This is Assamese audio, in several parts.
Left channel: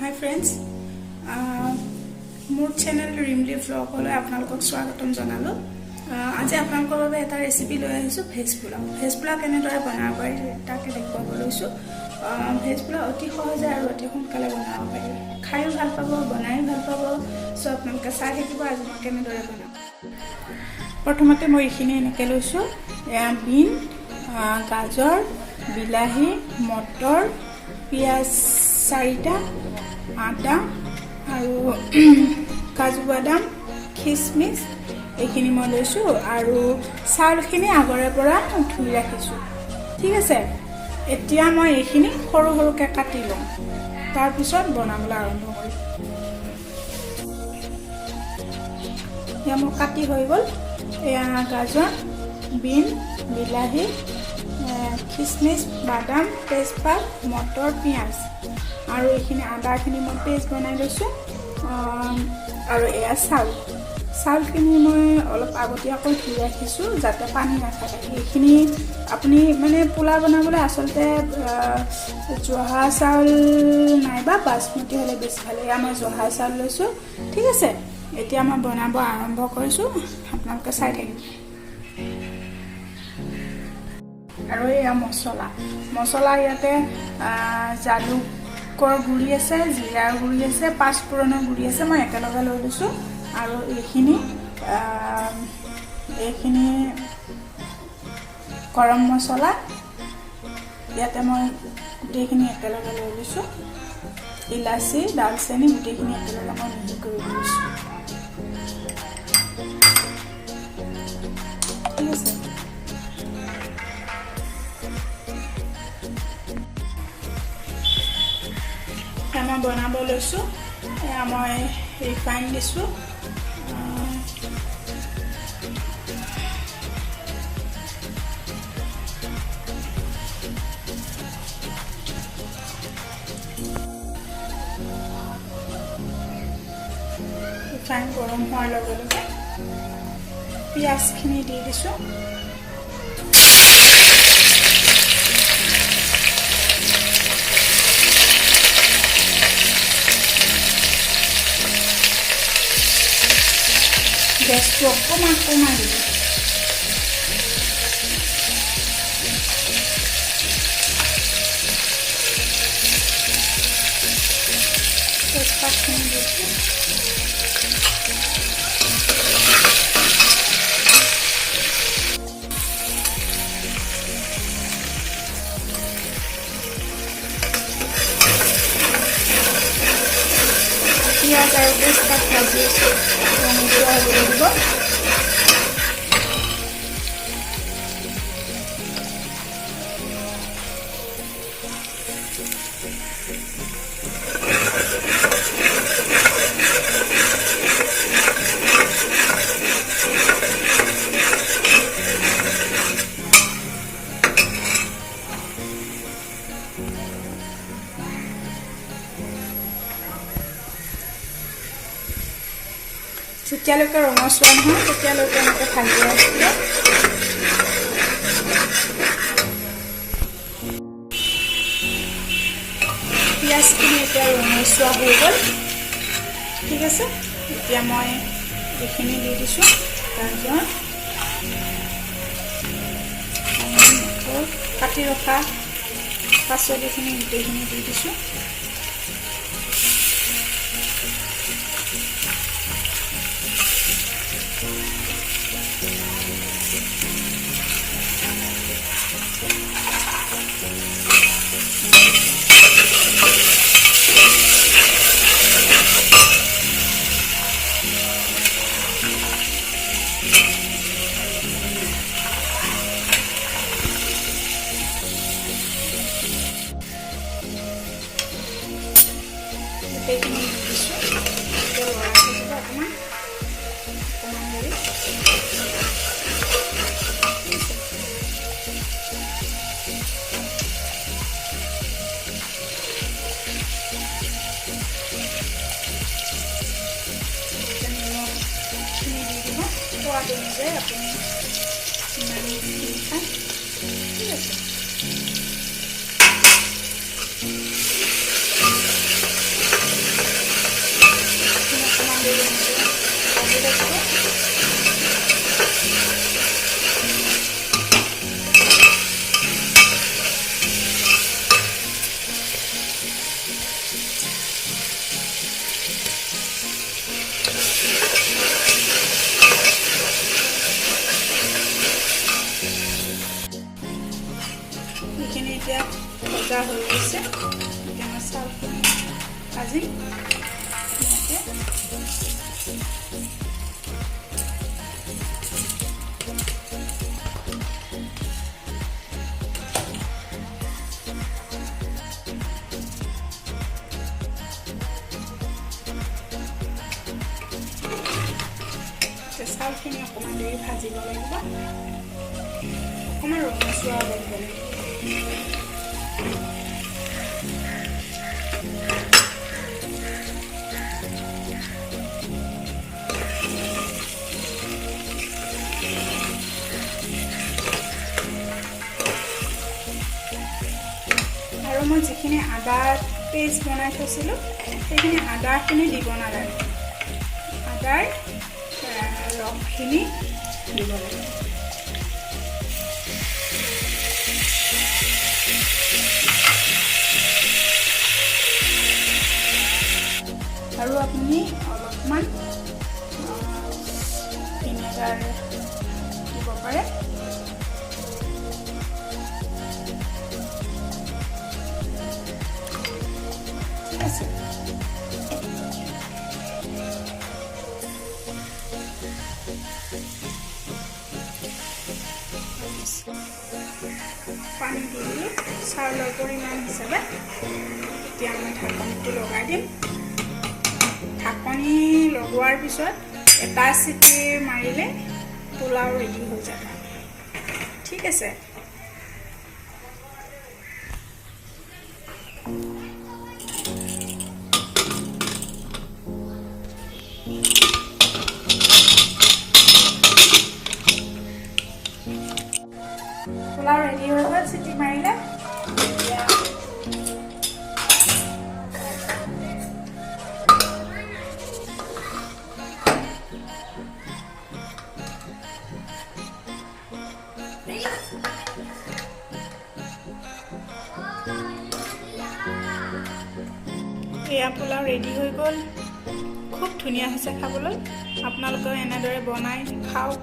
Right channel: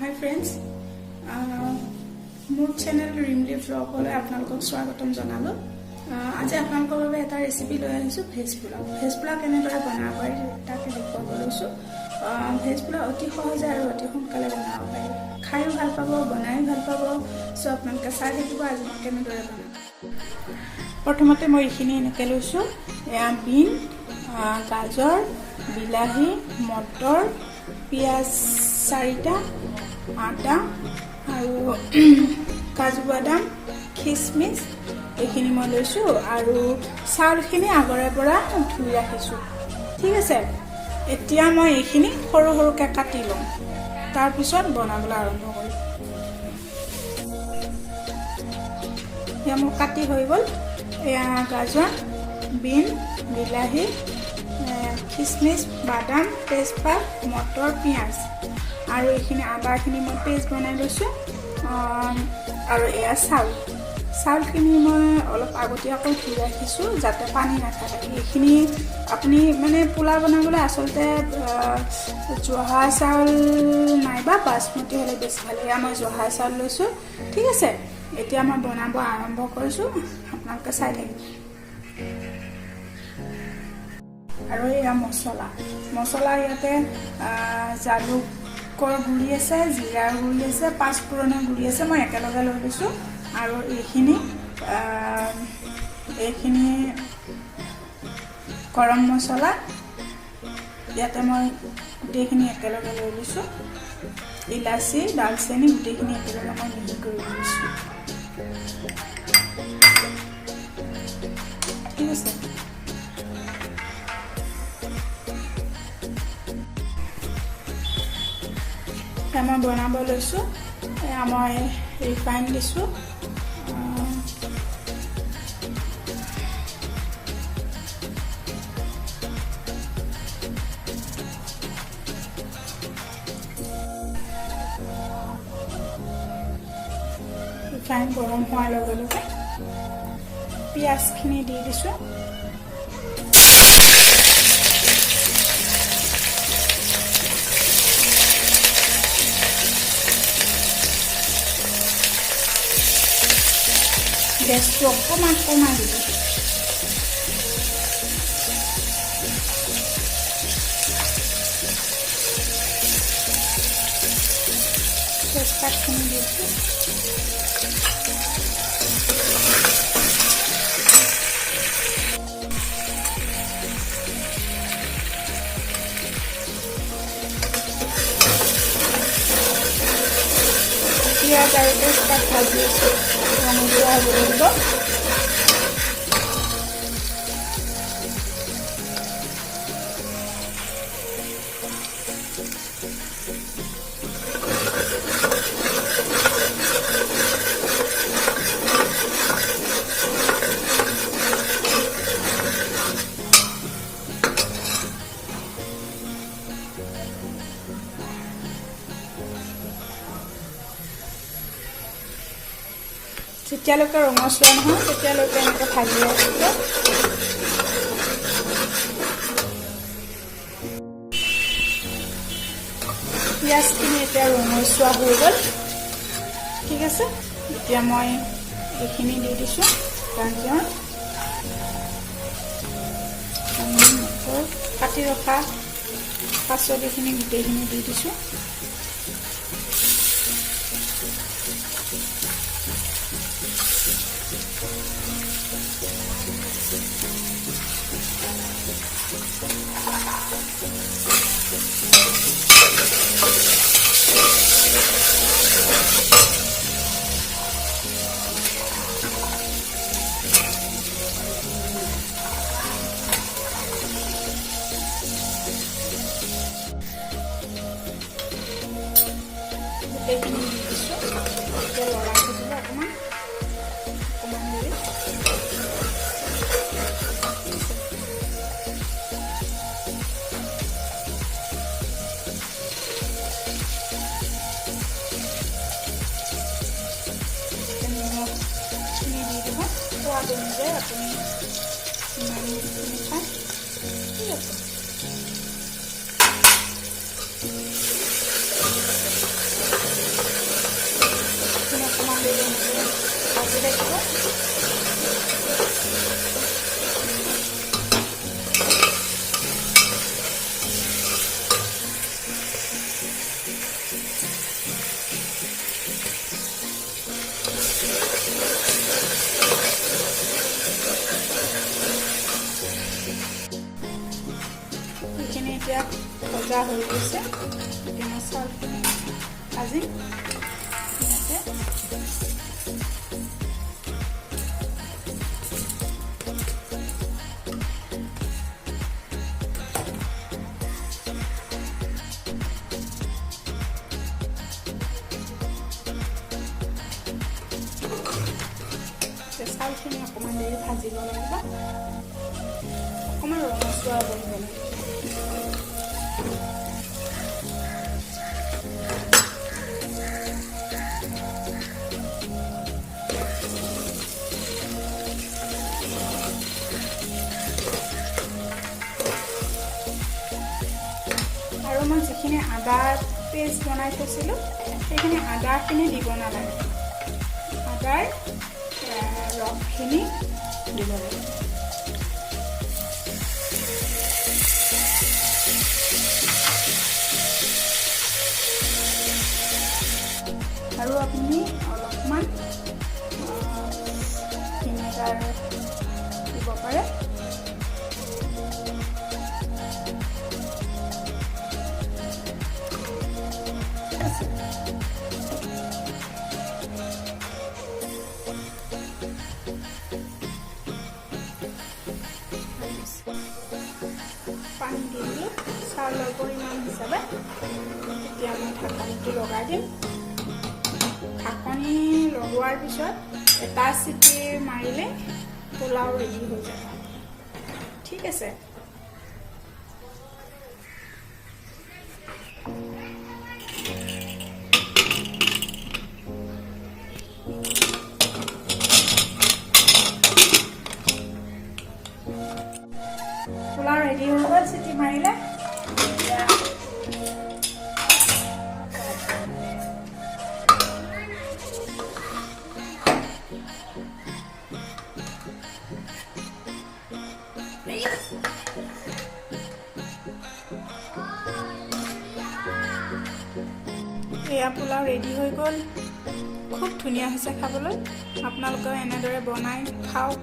Hi friends, মোৰ চেনেল ৰিমলি ভ্লগলৈ আপোনালোকক স্বাগতম জনালো। আজি আপোনালোকৰ বাবে এটা ৰেচিপি লৈ আহিছো ভেজ পোলাও। ভেজ পোলাও কেনেদৰে বনাব পাৰি তাকে দেখুৱাব লৈছো। ভেজ পোলাও অতি সহজে আৰু অতি সোনকালে বনাব পাৰি। খাইও ভাল পাব, বনাইও ভাল পাব। সো আপোনালোকে চাই থাকিব আজি মই কেনেদৰে বনাম। প্ৰথমতে মই এইখিনি এনেকৈ লৈছো। বিন, গাজৰ, বিলাহী, মটৰ, পিঁয়াজ 4টা, আদা আৰু কাজু বাদাম, খিচমিচ এইখিনি মই লৈছো আৰু চাউলখিনি আগৰে পৰা ধুই ৰাখিছো। ঠিক আছে, এতিয়া মই এইখিনি সৰু সৰুকৈ কাটি লম, তাৰপিছত বনাবলৈ আৰম্ভ কৰিম। এতিয়া মোৰ কাটি হৈ গ'ল। এয়া গাজৰ, বিন, বিলাহী, খিচমিচ, বাদাম, তেজপাত, মটৰ, পিঁয়াজ আৰু এইখিনি আদাখিনি মই পেষ্ট বনাই লৈছোঁ। আৰু এয়া চাউলখিনি মই অলপ আগতীয়াকৈ ধুই ৰাখিছোঁ যাতে পানী নাথাকে। এইখিনি আপুনি মানে পোলাও বনাবলৈ আচলতে জহা চাউল নাইবা বাচমতি হ'লে বেছি ভাল। এয়া মই জহা চাউল লৈছোঁ। ঠিক আছে, এতিয়া মই বনাব আৰম্ভ কৰিছোঁ, আপোনালোকে চাই থাকিব। আৰু এয়া মছলা ইয়াতে জালুকৰ গুড়ি আছে, জিৰাৰ গুড়ি আছে, পাঁচফোৰণৰ গুড়ি আছে, মই একেলগে লৈ লৈছোঁ। আৰু এইখিনি গৰম মছলা ইয়াতে মই গোটেইখিনি একেলগে লৈ লৈছোঁ। ইলাচি, দালচেনি গোটেইখিনি একেলগে মই মিহি কৰি লৈছোঁ। ঠিক আছে, মই বনাব লৈছোঁ। এয়া মই ৰিফাইন দিছোঁ। ৰিফাইন গৰম হোৱাৰ লগে লগে পিঁয়াজখিনি দি দিছোঁ। গেছটো অকণমান কমাই দিব। তেজপাতখিনি দিছোঁ। পিঁয়াজ আৰু তেজপাত ভাজি আছোঁ, ৰঙচুৱা হ'ব লাগিব। যেতিয়ালৈকে ৰঙচুৱা নহয় তেতিয়ালৈকে এনেকৈ ভাজি আছিলোঁ। পিঁয়াজখিনি এতিয়া ৰঙচুৱা হৈ গ'ল। ঠিক আছে, এতিয়া মই এইখিনি দি দিছোঁ। গাজৰ, কাটি ৰখা পাচলিখিনি গোটেইখিনি দি দিছোঁ। গোটেইখিনি দি দিছোঁ। এতিয়া লৰাই থাকিব অকণমান দেৰি। নিমখখিনি দি দিব, সোৱাদ অনুযায়ী আপুনি যিমানখিনি খায়। ঠিক আছে, এতিয়া ভজা হৈ গৈছে। এতিয়া মই চাউলখিনি ভাজিম ইয়াতে। চাউলখিনি অকণমান দেৰি ভাজিব লাগিব, অকণমান ৰঙচুৱা কৰিব লাগিব। আৰু মই যিখিনি আদা পেষ্ট বনাই থৈছিলোঁ সেইখিনি আদাখিনি দিব নালাগে, আদাৰ ৰসখিনি দিব লাগে। আৰু আপুনি অলপমান ভিনেগাৰ দিব পাৰে। ঠিক আছে, পানী দি দিলোঁ চাউলৰ পৰিমাণ হিচাপে। এতিয়া মই ঢাকনিটো লগাই দিম। ঢাকনি লগোৱাৰ পিছত এটা চিটি মাৰিলে পোলাও ৰেডি হৈ যাব। ঠিক আছে, পোলাও ৰেডি হৈ গ'ল। চিটি মাৰিলে এয়া পোলাও ৰেডি হৈ গ'ল। খুব ধুনীয়া হৈছে খাবলৈ। আপোনালোকেও এনেদৰে বনাই খাওক,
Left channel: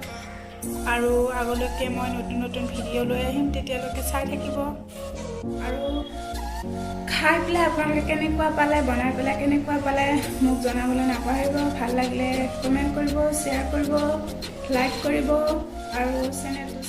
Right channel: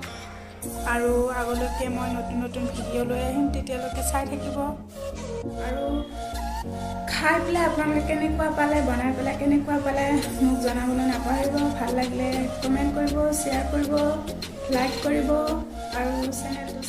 আৰু আগলৈকে মই নতুন নতুন ভিডিঅ' লৈ আহিম, তেতিয়ালৈকে চাই থাকিব। আৰু খাই পেলাই আপোনালোকে কেনেকুৱা পালে, বনাই পেলাই কেনেকুৱা পালে মোক জনাবলৈ নাপাহৰিব। ভাল লাগিলে কমেণ্ট কৰিব, শ্বেয়াৰ কৰিব, লাইক কৰিব আৰু চেনেলটো